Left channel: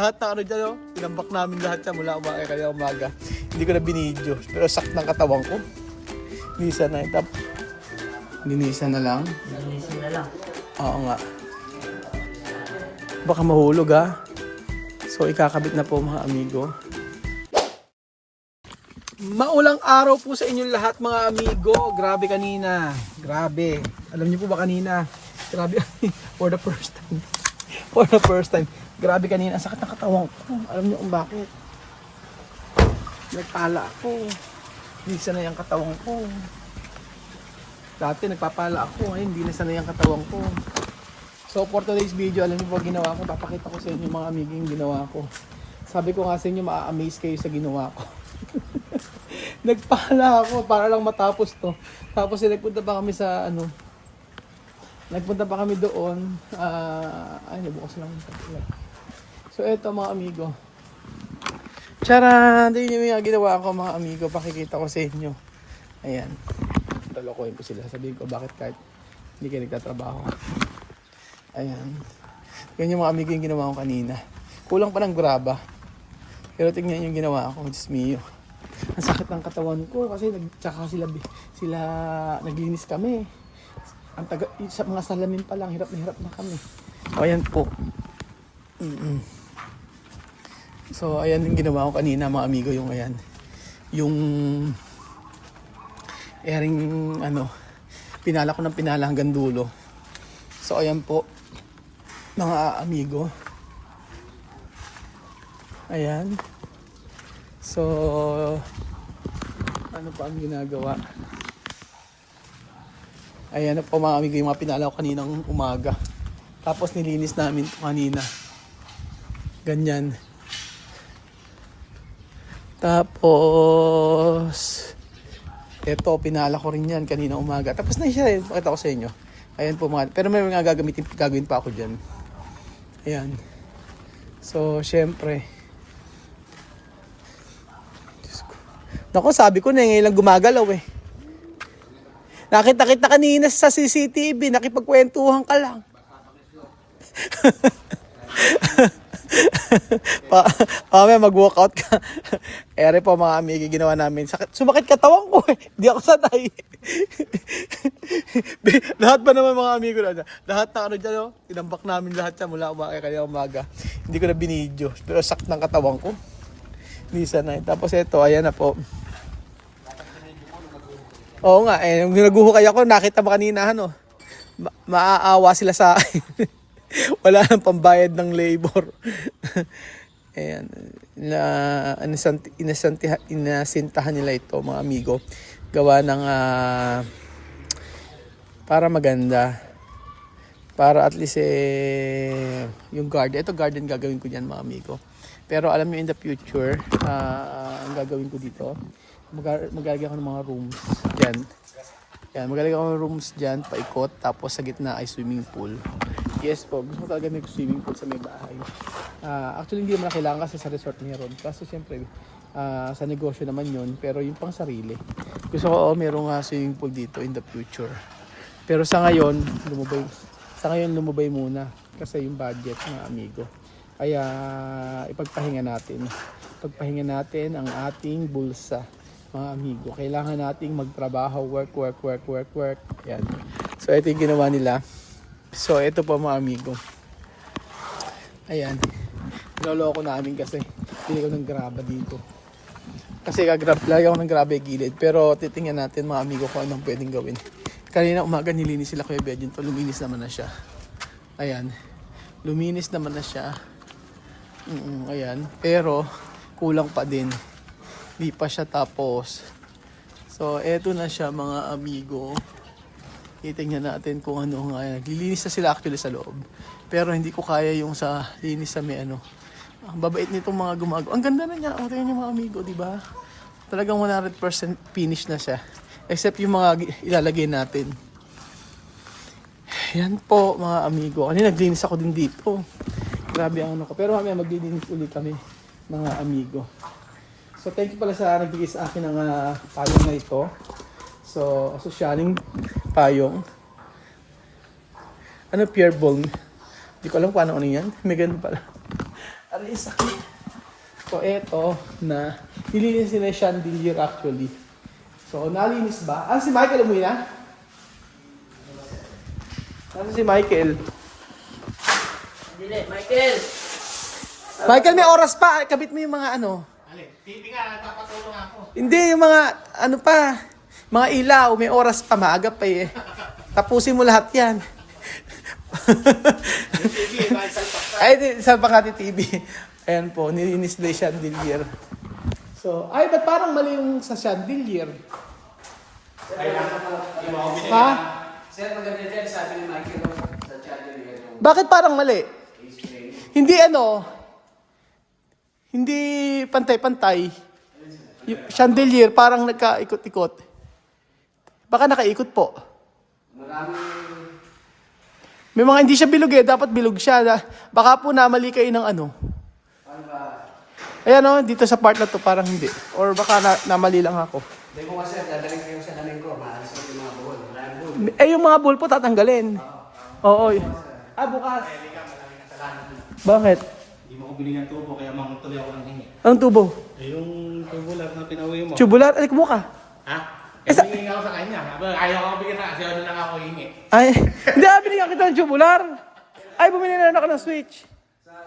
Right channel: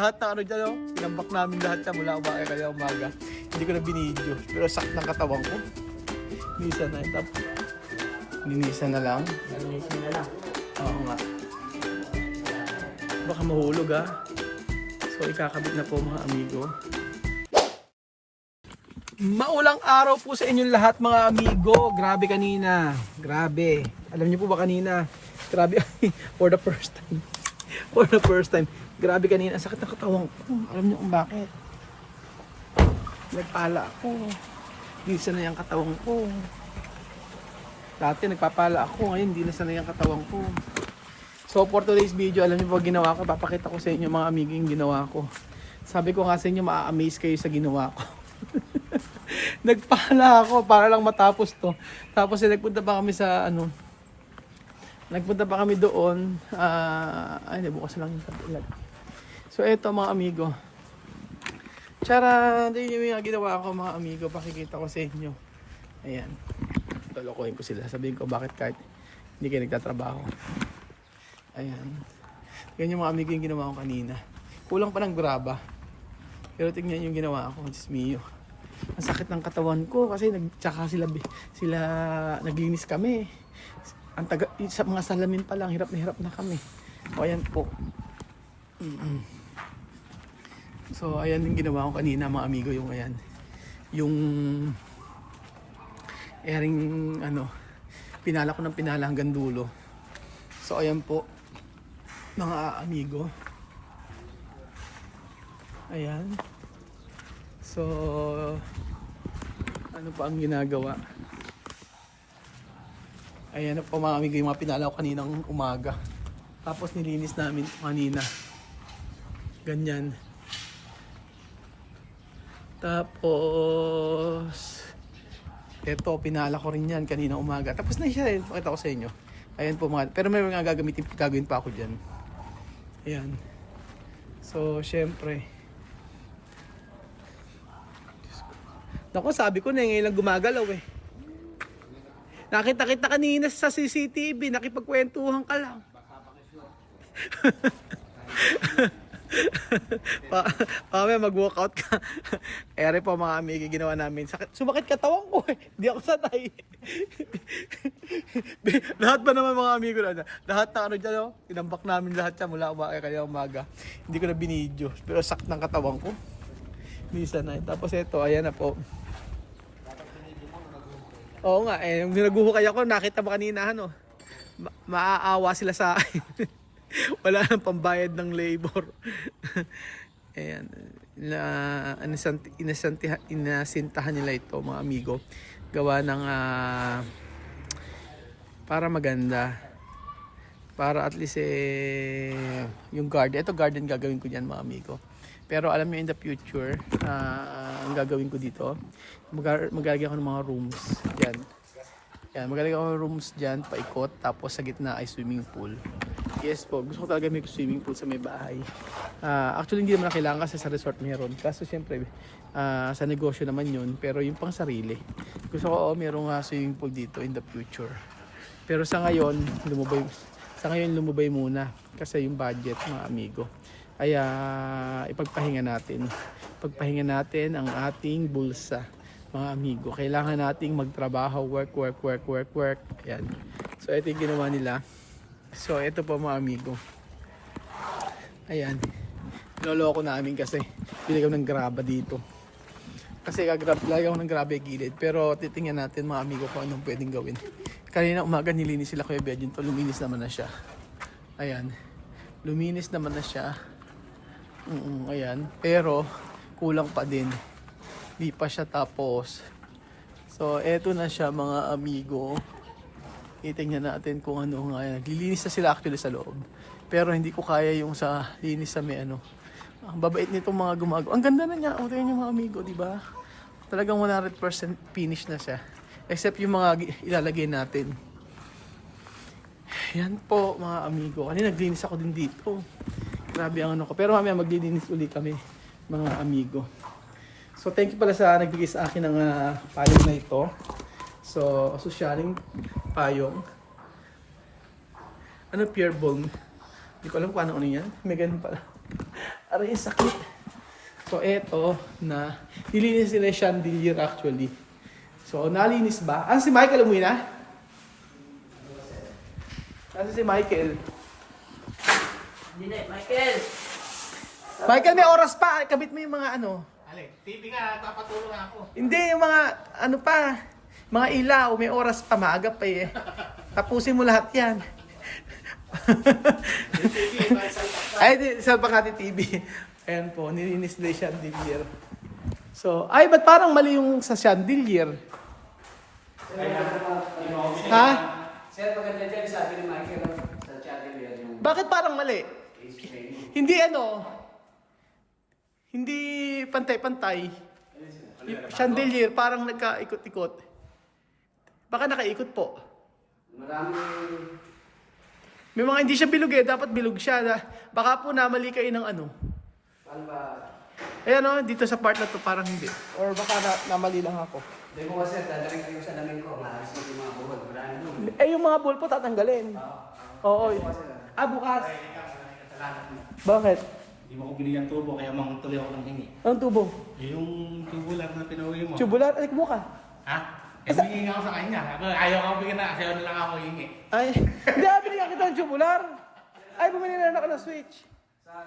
Lahat na ano dyan, tinambak namin lahat yan mula umaga kaya umaga. Hindi ko na binidyo. Pero sakit ng katawan ko. Linisan na ito. Linisan na lang. Linisan na lang. Oo nga. Baka mahulog ha. So ikakabit na po mga amigo. Maulang araw po sa inyong lahat mga amigo. Grabe kanina. Grabe. Alam niyo po ba kanina? Grabe. For the first time. For the first time. Grabe kanina, ang sakit ng katawan ko. Alam niyo kung bakit. Nagpala ako. Hindi sanay ang katawan ko. Dati nagpapala ako, ngayon hindi na sanay ang katawan ko. So for today's video, alam niyo ba ginawa ko? Papakita ko sa inyo mga amiging ginawa ko. Sabi ko nga sa inyo, maa-amaze kayo sa ginawa ko. Nagpala ako para lang matapos to. Tapos nagpunta pa kami sa nagpunta pa kami doon. Ay, bukas lang yung tabi. So eto mga amigo. Tara, hindi nyo yung ginawa ko mga amigo. Pakikita ko sa inyo. Ayan. Talokohin ko sila. Sabihin ko bakit kahit hindi kayo nagtatrabaho. Ayan. Yan yung mga amigo yung ginawa ko kanina. Kulang pa ng graba. Pero tingnan yung ginawa ko. Diyos mio. Ang sakit ng katawan ko kasi tsaka sila naglinis kami. Ang sa mga salamin pa lang, hirap na kami. O ayan po. So ayan yung ginawa ko kanina mga amigo, yung ayan. Yung pinala ko ng pinala hanggang dulo. So ayan po mga amigo. Ayan. So ano pa ang ginagawa? Ayan na po mga amigo yung mga pinala ko kaninang umaga. Tapos nilinis namin kanina. Ganyan. Tapos eto pinala ko rin yan kanina umaga. Tapos na siya, pakita ko sa inyo. Ayan po mga, pero may mga gagawin pa ako dyan. Ayan. So syempre. Naku, sabi ko na ngayon lang gumagalaw eh. Nakita kita kanina sa CCTV, nakipagkwentuhan ka lang. May mag-walkout ka. Ere po mga amigo, ginawa namin. Sumakit katawan ko eh. Hindi ako sanay. Lahat ba naman mga amigo na lahat na dyan, tinambak namin lahat yan mula umaga kaya umaga. Hindi ko na binidyo. Pero sakit ng katawan ko. Hindi sanay. Tapos ito, ayan na po. Oo nga, yung naguhukay ako, nakita mo kanina, maaawa sila sa akin. Wala nang pambayad ng labor. Ayan, inasintahan nila ito mga amigo. Gawa ng para maganda. Para at least yung garden. Ito garden gagawin ko dyan mga amigo. Pero alam niyo in the future, ang gagawin ko dito, maglalagay ako ng mga rooms dyan. Yan, maglalagay ako ng rooms dyan, paikot, tapos sa gitna ay swimming pool. Yes po, gusto ko talaga may swimming pool sa may bahay. Actually hindi naman na kailangan kasi sa resort meron. Kaso siyempre sa negosyo naman yun, pero yung pang sarili. Gusto ko merong swimming pool dito in the future. Pero sa ngayon lumubay muna kasi yung budget mga amigo. Kaya ipagpahinga natin ang ating bulsa mga amigo. Kailangan nating magtrabaho, work. Ayan. So ito yung ginawa nila. So ito po mga amigo. Ayan. Niloloko namin kasi pili ko ng graba dito. Kasi lagi ako ng graba gilid. Pero titingnan natin mga amigo kung anong pwedeng gawin. Kanina umaga nilinis sila Kuya Biagin to. Luminis naman na siya. Ayan. Luminis naman na siya. Ayan. Pero kulang pa din. Di pa siya tapos. So eto na siya mga amigo. Titingnan natin kung ano nga. Naglilinis na sila actually sa loob. Pero hindi ko kaya yung sa linis sa may Ang babait nitong mga gumagawa. Ang ganda na niya. O tingnan niyo mga amigo, di ba? Talagang 100% finish na siya. Except yung mga ilalagay natin. Yan po mga amigo. Kanina naglinis ako din dito. Grabe ang ko. Pero mamaya maglilinis ulit kami mga amigo. So thank you pala sa nagbigay sa akin ng payong na ito. So sosyaling payong. Pure ball. Hindi ko alam kung ano yan. May ganun pala. Aray, sakit. So, eto na. Nilinis nila yung chandelier actually. So, nalinis ba? Ah, si Michael umuwi na? Ano si Michael? Hindi, Michael! Michael, may oras pa. Kabit mo yung mga ano. TV nga, nagpapatulong ako. Hindi, yung mga ano pa. Mga ilaw, may oras pa. Maaga pa eh. Tapusin mo lahat yan. Ay, salpak natin TV. Ayan po, nilinis na yung chandelier. So, ay, ba't parang mali yung sa chandelier? Ha? Sir, maganda dyan, sabi ni Michael sa channel yan yung Bakit parang mali? Hindi ano, hindi pantay-pantay. Yung chandelier parang nagkaikot-ikot. Baka nakaikot po. maraming... May mga hindi siya bilog eh, dapat bilog siya. Baka po namali kayo ng ano. Ayan o, dito sa part na to parang hindi. Or baka namali lang ako. Hindi ko kasi, dadalhin ko yung salamin ko, maalas ko yung mga buhol. Maraming buhol. Eh yung mga bull po tatanggalin. Oo. Ah, bukas. Bakit? Hindi mo ko binigyan tubo, kaya mangutuloy ako ng hingi. Anong tubo? Eh, yung tubo lang na pinauwi mo. Tubular? Alik mo ka. Ha? Eh, humingi ako sa kanya. Ayaw ako bigyan na kasi ano lang ako hingi. Ay, hindi binigyan kita ng tubular. Ay, bumili na ako ng switch.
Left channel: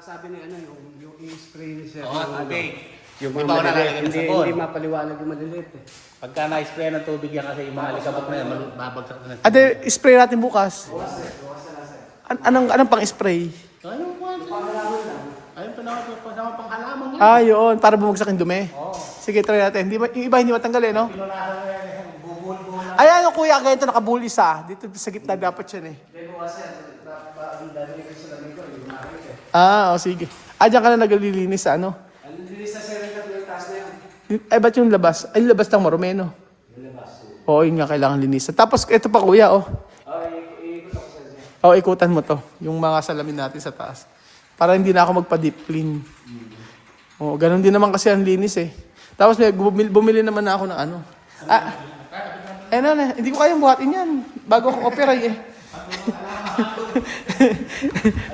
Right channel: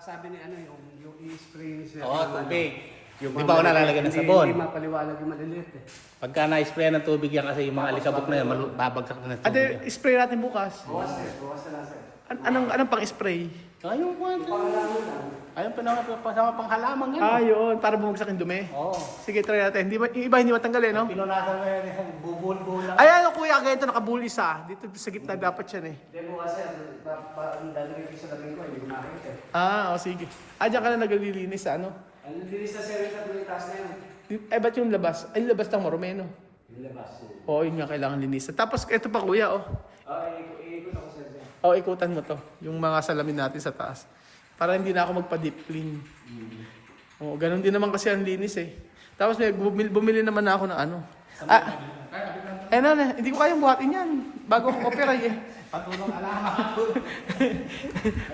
Sabi ni ano, yung i-spray siya. Oo, tubig. Yung Hindi ito ko nalalagyan ng sabon. Hindi mapaliwanag yung maliliit eh. Pagka na-spray ng tubig yan kasi yung mga alikabok na yan, babagsak na. Ate, spray natin bukas. Bukas na lang sir. Anong pang-spray? Ayun po. Pangalaman lang. Ayun po naman po, pasama pang halaman yan. Ah, yun. Para bumagsak yung dumi. Sige, try natin. Yung iba hindi matanggalin, no? Pinunahan na yan, buhul-buhul. Ayan, kuya, ganito nakabul isa. Dito sa gitna dapat yan eh. Hindi bukas sir, ang dami ko salamin ko, hindi makakit eh. Ah, o sige. Ah, dyan ka na naglilinis sa ano? Ang linis na sir, yung taas na yun. Ay, ba't yung labas? Ay, yung labas ng marumeno. Yung labas. Oo, yun nga, kailangan linisan. Tapos, ito pa kuya, oh. Iikot ako sir. Oh, ikutan mo to. Yung mga salamin natin sa taas. Para hindi na ako magpa-deep clean. Oh, ganun din naman kasi ang linis eh. Tapos may bumili naman na ako ng ano. Ah, hindi ko kayang buhatin yan. Bago ako opera eh.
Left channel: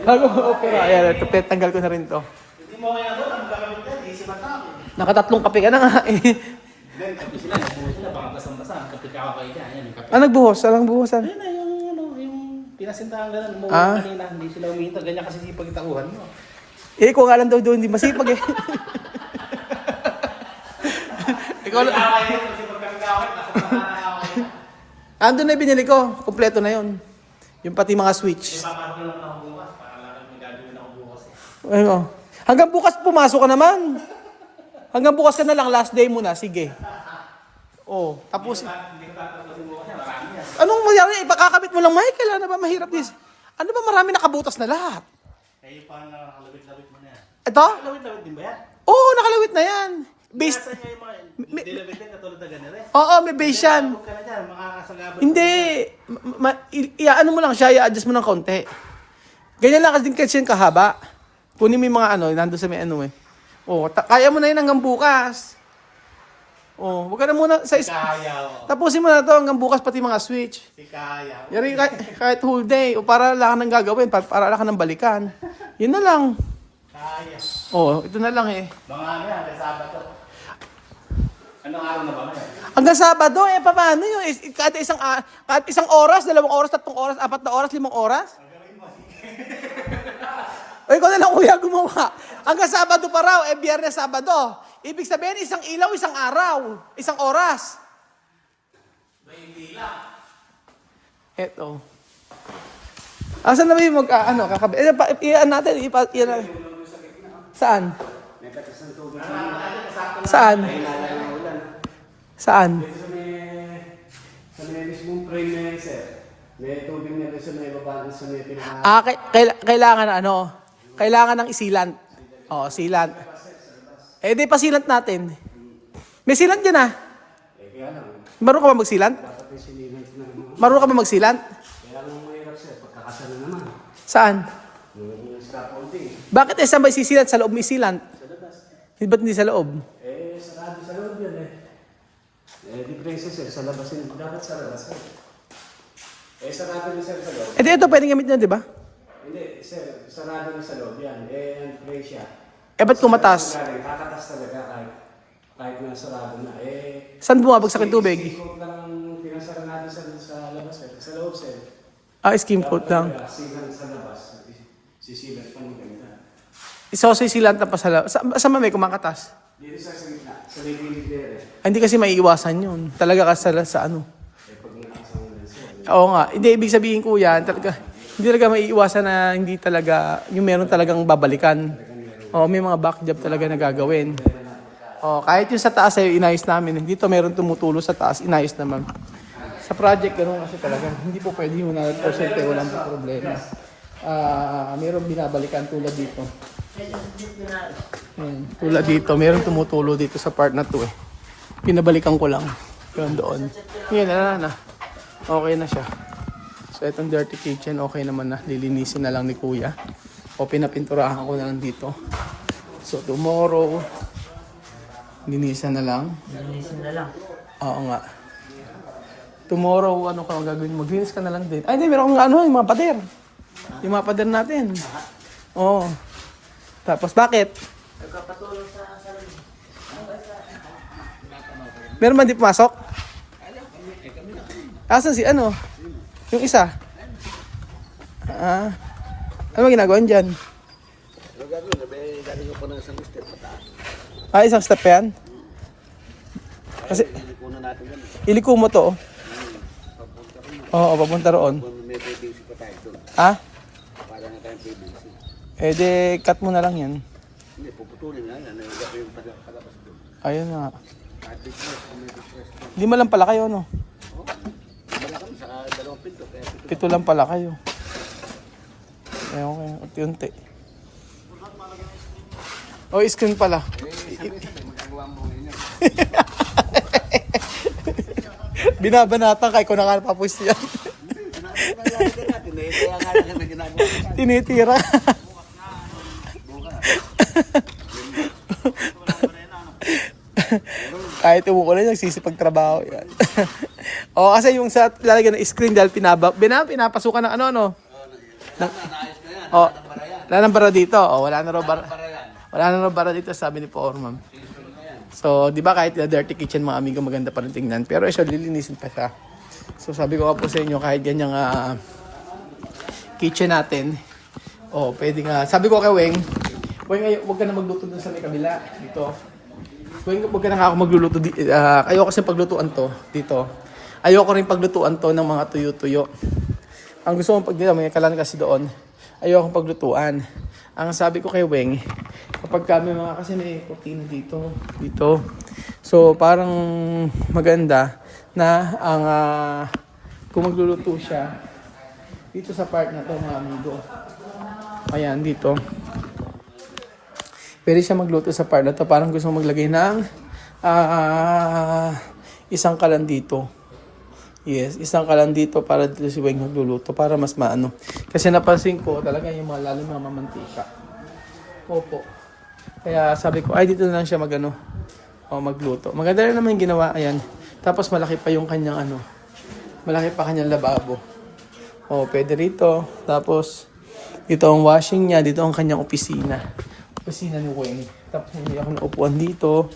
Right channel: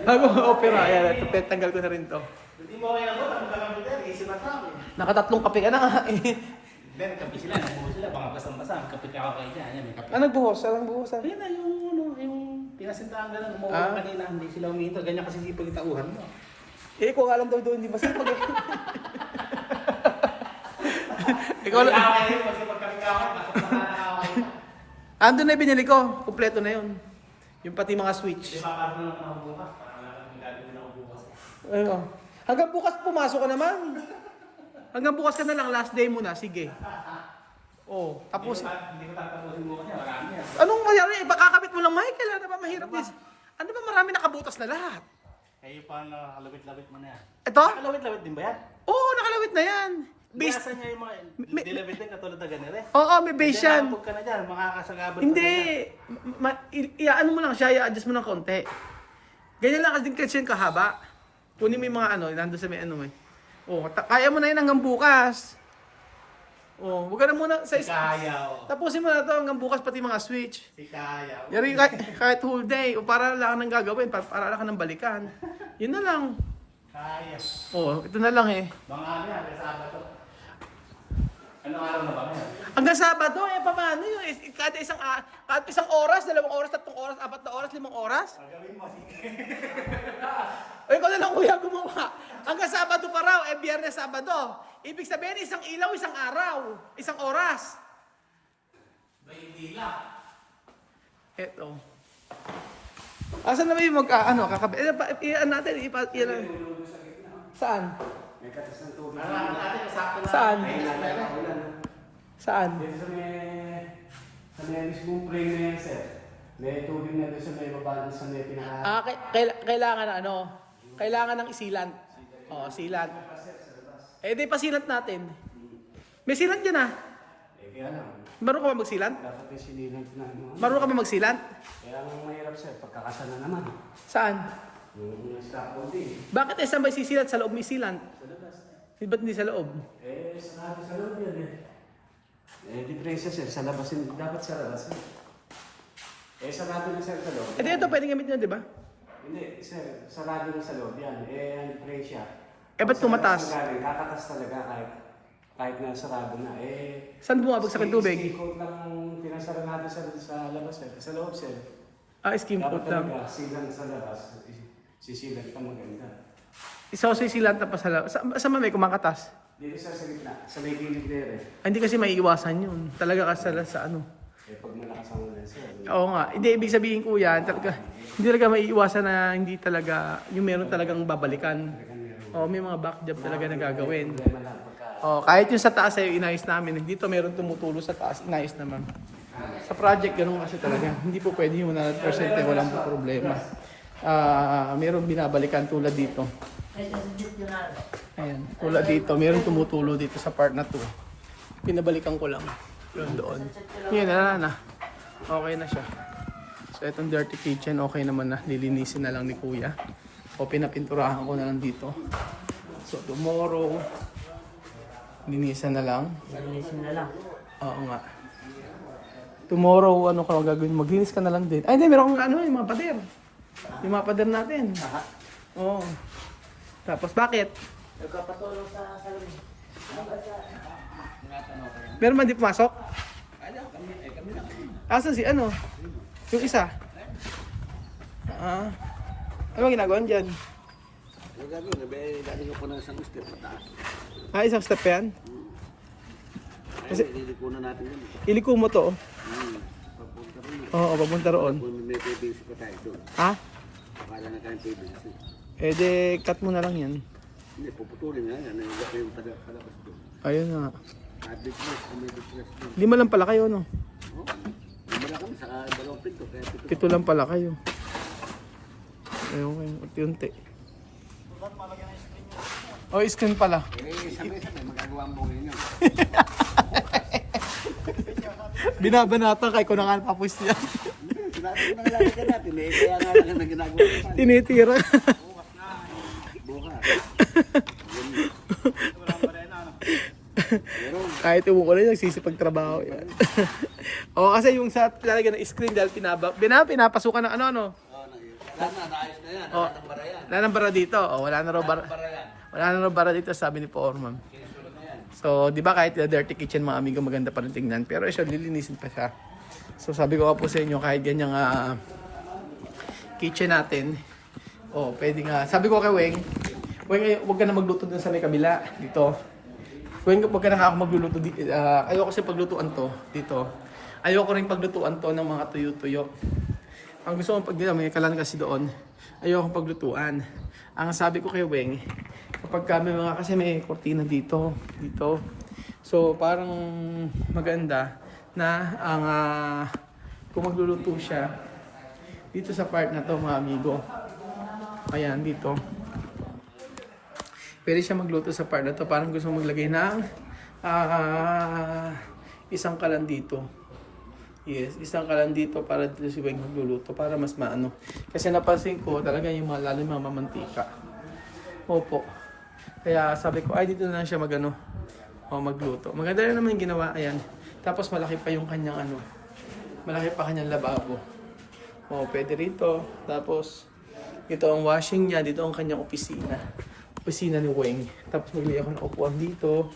Bago ako opera. Ayan, ito, tanggal ko na rin to. Hindi mo kaya ano, ang gagamit yan, easy matake. Nakatatlong kape ka na nga eh. Then, kape sila, nagbuho sila, baka basang-basa. Kape ka ako kayo dyan, ayan, may kape. Ah, nagbuhos? Anong buhosan? Ayun na yung ano, yung pinasintahan gano'n, umuwi Ah. kanina, hindi sila umihinto, ganyan kasi sipag itauhan mo. Eh, ikaw nga lang daw doon, hindi masipag eh. Ikaw lang. Kaya kasi pag kami kawit, nasa pananaw Andun na yung binili ko. Kompleto na yun. Yung pati mga switch. Ipaparo na lang ako bukas, para lang may gagawin ako bukas. Ayun oh. Hanggang bukas pumasok ka naman. Hanggang bukas ka na lang, last day mo na. Sige. Oh, tapos. Hindi ko tatapusin mo kasi, marami yan. Anong mayari? Ipakakabit mo lang, Michael. Ano ba mahirap this? Ano ba marami nakabutas na lahat? Eh, yung parang nakalawit-lawit mo na yan. Ito? Lawit-lawit din ba yan? Oo, nakalawit na yan. Based. Nasaan nyo yung mga May- dilawit din katulad na ganire? Oo, may base yan. Huwag ka na dyan, makakasagabal. Hindi. Ano mo lang siya, i-adjust mo ng konti. Ganyan lang kasi yung kahaba. Kunin mo yung mga ano, nandun sa may ano eh. Oh, kaya mo na yun hanggang bukas. Oh, wag ka na muna sa Kaya, o. tapusin mo na to hanggang bukas pati mga switch. Kaya. Yari kahit whole day o para lang nang gagawin, para lang ka nang balikan. Yun na lang. Kaya. Oh, ito na lang eh. Mga ano yan, may Sabado. Anong araw na ba ngayon? Hanggang Sabado eh paano yun? Kahit isang oras, 2 oras, 3 oras, 4 na oras, 5 oras? O ikaw na lang kuya gumawa. Hanggang Sabado pa raw, Biyernes, Sabado. Ibig sabihin, isang ilaw, isang araw, isang oras. May dila. Eto. Asan na ba yung kakabi? Iyan natin, iyan. Saan? May katas ng tubig. Saan? May nalala na ulan. Saan? Dito sa may mismong frame na yan, sir. May tubig na doon sa may baba sa may pinaka... Ah, kailangan kailangan ng isilant. Oo, sealant. Eh, di pa sealant natin. May sealant yan ah. kaya lang. Marunong ka ba magsealant? Dapat yung sinilant na ano. Marunong ka ba magsealant? Kaya lang mahirap, sir. Pagkakasal na naman. Saan? Yung scaffolding. Bakit saan ba sisilant? Sa loob may sealant? Sa labas. Ba't hindi sa loob? Sarado sa loob yun di princess, sir. Sa labas yun. Dapat sa labas, sir. Sarado na, sir, sa loob. Eh, di ito pwedeng gamit na, di ba? Hindi, sir. Sarado na sa loob yan. Ang presya. ba't tumatas? Kakatas talaga kahit na sarado na. Saan bumabagsak yung tubig? Sikot lang pinasara natin sa labas. Sa loob, sir. Skim coat lang. Silang sa labas. Sisilan pa maganda. Isosoy silang pa sa labas. Saan may kumakatas? Dito sa gitna. Sa may gilid there. Hindi kasi maiiwasan yun. Talaga kasi sa ano. Pag malakas ang ulan, sir. Oo nga. Hindi, ibig sabihin ko yan. Hindi talaga maiiwasan na hindi talaga, yung meron talagang babalikan. May mga back job talaga na gagawin. Kahit yung sa taas ay inayos namin. Dito meron tumutulo sa taas, inayos naman. Sa project, ganun kasi talaga. Hindi po pwede yung 100% walang problema. Meron binabalikan tulad dito. Ayan, tulad dito. Meron tumutulo dito sa part na to eh. Pinabalikan ko lang. Yun doon. Ngayon, na. Okay na siya. So, itong dirty kitchen, okay naman na. Lilinisin na lang ni Kuya. Pinapinturahan ko na lang dito. So, tomorrow, linisan na lang. Linisin na lang. Oo nga. Tomorrow, ano ka gagawin? Maglinis ka na lang din. Ay, hindi, meron akong yung mga pader. Yung mga pader natin. Oo. Tapos, bakit? Nagkapatulong sa salon. Meron ba di pumasok? Asan si ano? Yung isa? Ano ba ginagawa dyan? Isang step yan? Kasi, iliko mo to. Oo, papunta roon. Di, cut mo na lang yan. Ayun nga. Hindi mo lang pala kayo, no? 7 lang pala kayo. Okay, unti-unti. Screen pala. Binabanatan kay ko na nga papus yan. Tinitira. Kahit umuulan, nagsisipag trabaho yan. Kasi yung sa lalagyan ng screen dahil pinapasukan ng ano. Wala nang bara dito. Wala na raw bara dito, sabi ni Foreman. So, di ba kahit dirty kitchen mga amigo, maganda pa rin tingnan. Pero siya, lilinisin pa siya. So, sabi ko po sa inyo, kahit yan yung kitchen natin, pwede nga. Sabi ko kay Weng, huwag ka na magluto dun sa may kabila, dito. Weng, huwag ka na ako magluluto dito. Ayoko kasi paglutuan to, dito. Ayoko rin paglutuan to ng mga tuyo-tuyo. Ang gusto kong may kalan kasi doon, ayoko paglutuan. Ang sabi ko kay Weng, kapag kami kasi may kortina dito. So, parang maganda na kung magluluto siya dito sa part na to mga amigo. Ayan, dito. Pwede siya magluto sa part na to. Parang gusto maglagay ng isang kalan dito. Yes, isang kalan dito para dito si Weng magluluto para mas maano. Kasi napansin ko talaga yung mga lalo mga mamantika. Opo. Kaya sabi ko, dito na lang siya magluto. Maganda rin naman yung ginawa, ayan. Tapos malaki pa yung kanyang malaki pa kanyang lababo. Pwede rito. Tapos, dito ang washing niya, dito ang kanyang opisina. Opisina ni Weng. Tapos may ako ng upuan dito.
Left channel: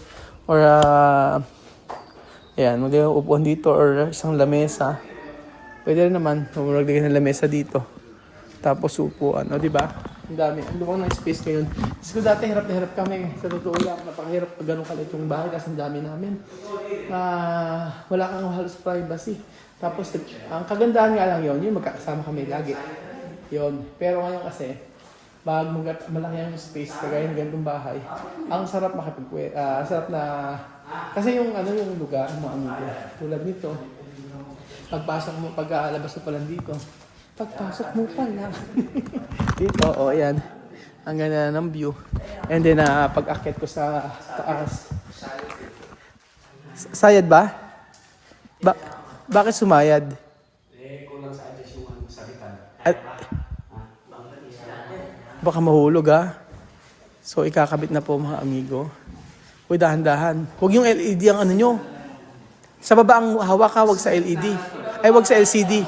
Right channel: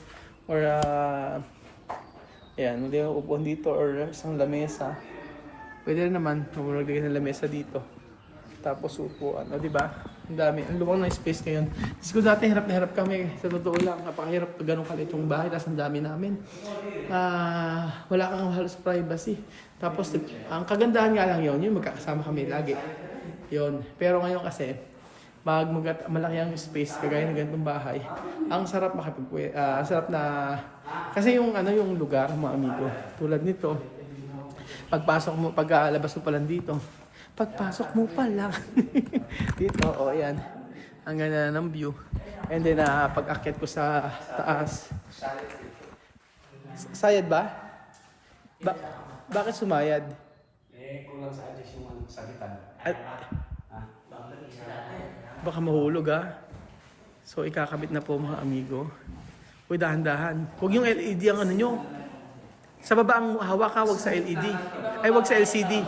Or, ayan, mag-upuan dito or isang lamesa. Pwede rin naman, maglagay ng lamesa dito. Tapos upuan, di ba? Ang dami. Ang lumang ng space ngayon. Kasi ko dati hirap na hirap kami. Sa totoo lang, napakahirap pag ganun kalit yung bahay. Tapos ang dami namin. Wala kang halos privacy. Tapos ang kagandahan nga lang yun, yung magkakasama kami lagi. Yun. Pero ngayon kasi, pag malaki ang space, kagaya ng ganitong bahay, ang sarap sarap na, kasi yung lugar, mga amigo, tulad nito, pagkalabas mo pa lang dito, pagpasok mo pa lang. Dito, ayan. Ang ganda ng view. And then, pag-akit ko sa taas. Sayad ba? Bakit sumayad? Kulang sa adjust yung sabitan. Baka mahulog So, ikakabit na po mga amigo. Uy, dahan-dahan. Huwag yung LED ang nyo. Sa baba ang hawak wag sa LED. Wag sa LCD.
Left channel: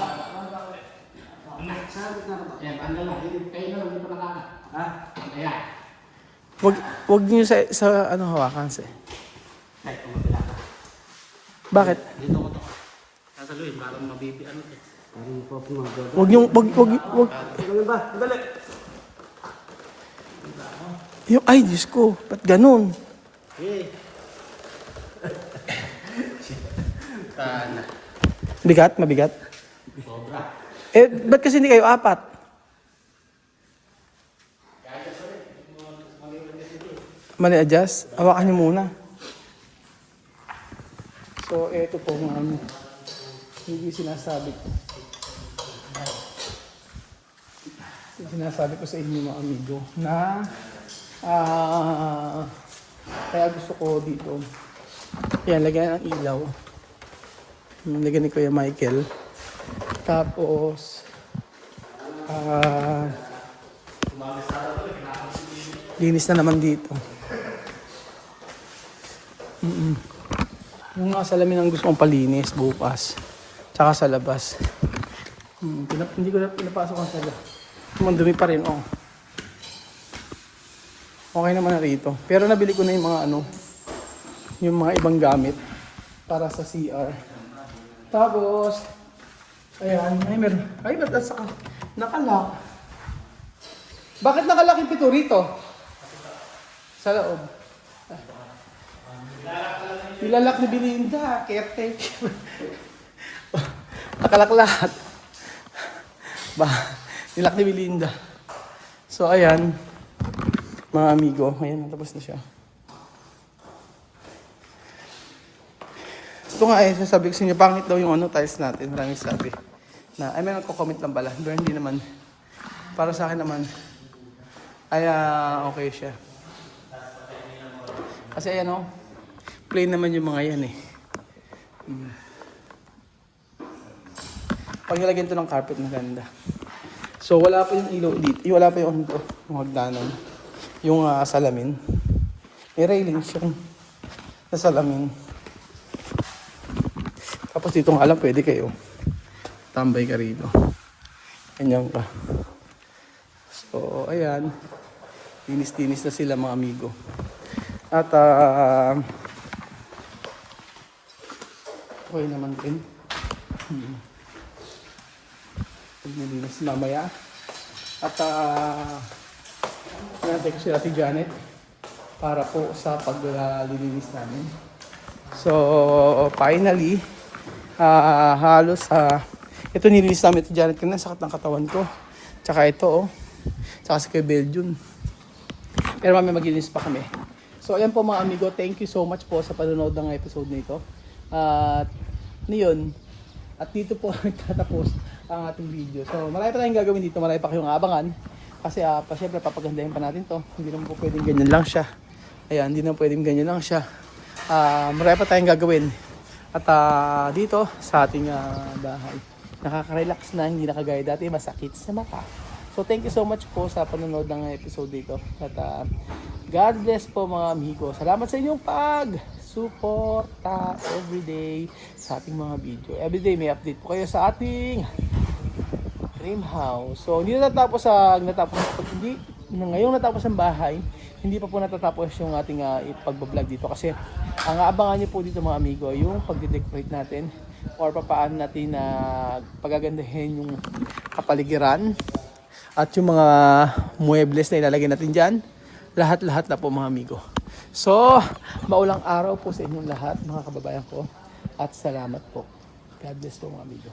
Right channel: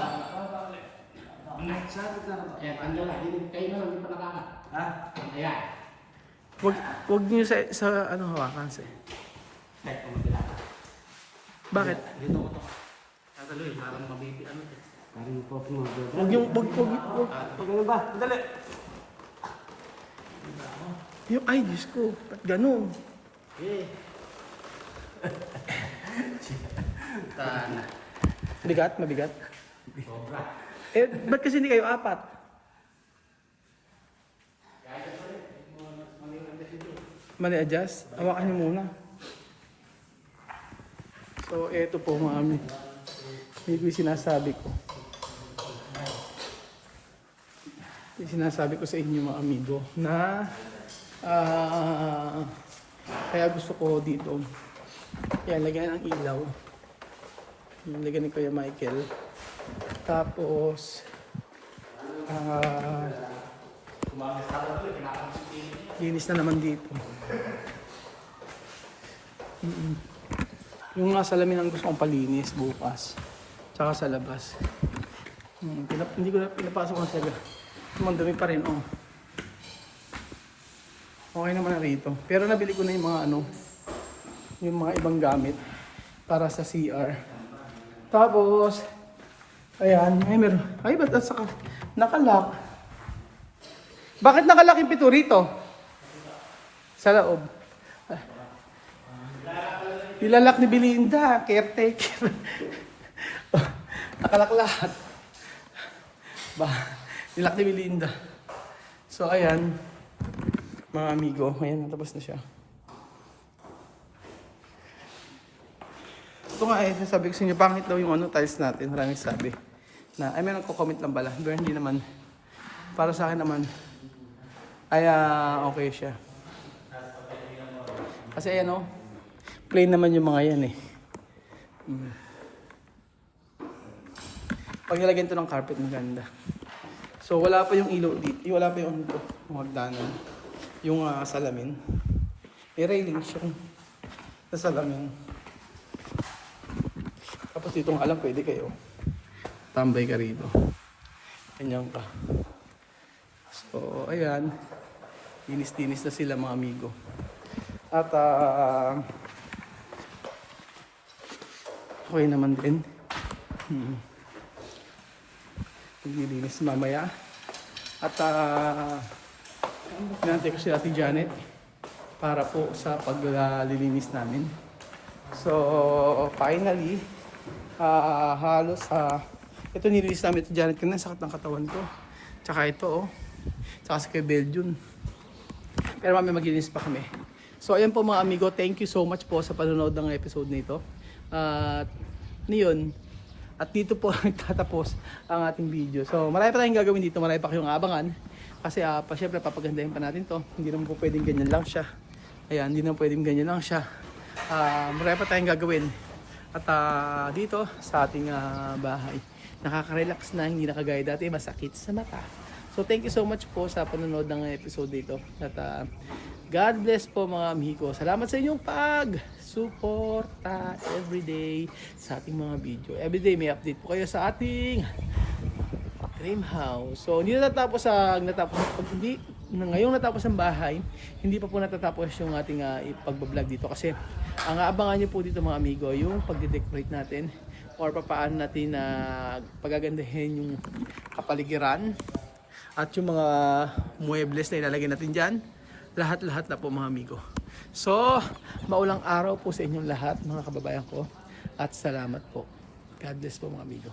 Huwag niyo sa ano hawakan sa. Kahit pumapila ka. Bakit? Dito ko to. Kasi Luis, parang mabibi ano to. Parang po pumagawa. Huwag niyo, wag. Ganun ba? Dali. Yung, ay, Diyos ko, ba't ganun? Eh. Tana. Bigat? Mabigat? Eh, ba't kasi hindi kayo apat? Mali adjust? Hawakan niyo muna. So, eto po mami. Hindi yung sinasabi ko. Yung sinasabi ko sa inyo mga amigo na kaya gusto ko dito. Yan, lagyan ng ilaw. Lagyan ni Kuya Michael. Tapos, linis na naman dito. Yung salamin ang gusto kong palinis bukas. Tsaka sa labas. Hindi ko na pinapasok ang sala. Mandumi pa rin, oh. Okay naman na rito. Pero nabili ko na yung mga yung mga ibang gamit para sa CR. Tapos, ayan, ay, ba't nasa nakalak? Bakit nakalak yung pito rito? Sa loob. Nilalak ni Belinda, caretaker. Nakalak lahat. Nilak ni Belinda. So, ayan. Mga amigo, ayan, natapos na siya. Ito nga eh, sasabi ko sa inyo, pangit daw yung tiles natin. Maraming sabi. May nagko-comment lang pala. Pero hindi naman. Para sa akin naman, ay okay siya. Kasi ayan plain naman yung mga yan eh. Pag nilagyan ito ng carpet, maganda. So wala pa yung ilaw dito. Wala pa yung hagdanan. Yung salamin. May railing siya na salamin. Tapos dito nga lang pwede kayo. Tambay ka rito. Ganyan ka. So, ayan. Tinis-tinis na sila mga amigo. At, okay naman din. Paglilinis mamaya. At, hinantay ko si Ate Janet para po sa paglilinis namin. So, finally, halos, ito nilinis namin ito Janet kanina, sakit ng katawan ko. Tsaka ito, tsaka si Kuya Belgium. Pero mamaya maglinis pa kami. So, ayan po mga amigo, thank you so much po sa panonood ng episode nito. At, yun. At dito po nagtatapos ang ating video. So, marami pa tayong gagawin dito, marami pa kayong abangan. Kasi, syempre, papagandahin pa natin to. Hindi naman po pwedeng ganyan lang siya. Ayan, hindi naman pwedeng ganyan lang siya. Marami pa tayong gagawin. At dito sa ating bahay, nakaka-relax na, hindi na kagaya dati, masakit sa mata. So thank you so much po sa panonood ng episode dito. At God bless po mga amigo. Salamat sa inyong pag-suporta everyday sa ating mga video. Everyday may update po kayo sa ating dream house. So hindi natapos ngayong natapos ang bahay, hindi pa po natatapos yung ating pagbablog dito kasi ang aabangan nyo po dito mga amigo yung pagde-decorate natin or papaano natin na pagagandahin yung kapaligiran at yung mga muebles na ilalagay natin dyan. Lahat-lahat na po mga amigo. So, maulang araw po sa inyong lahat mga kababayan ko at salamat po. God bless po mga amigo.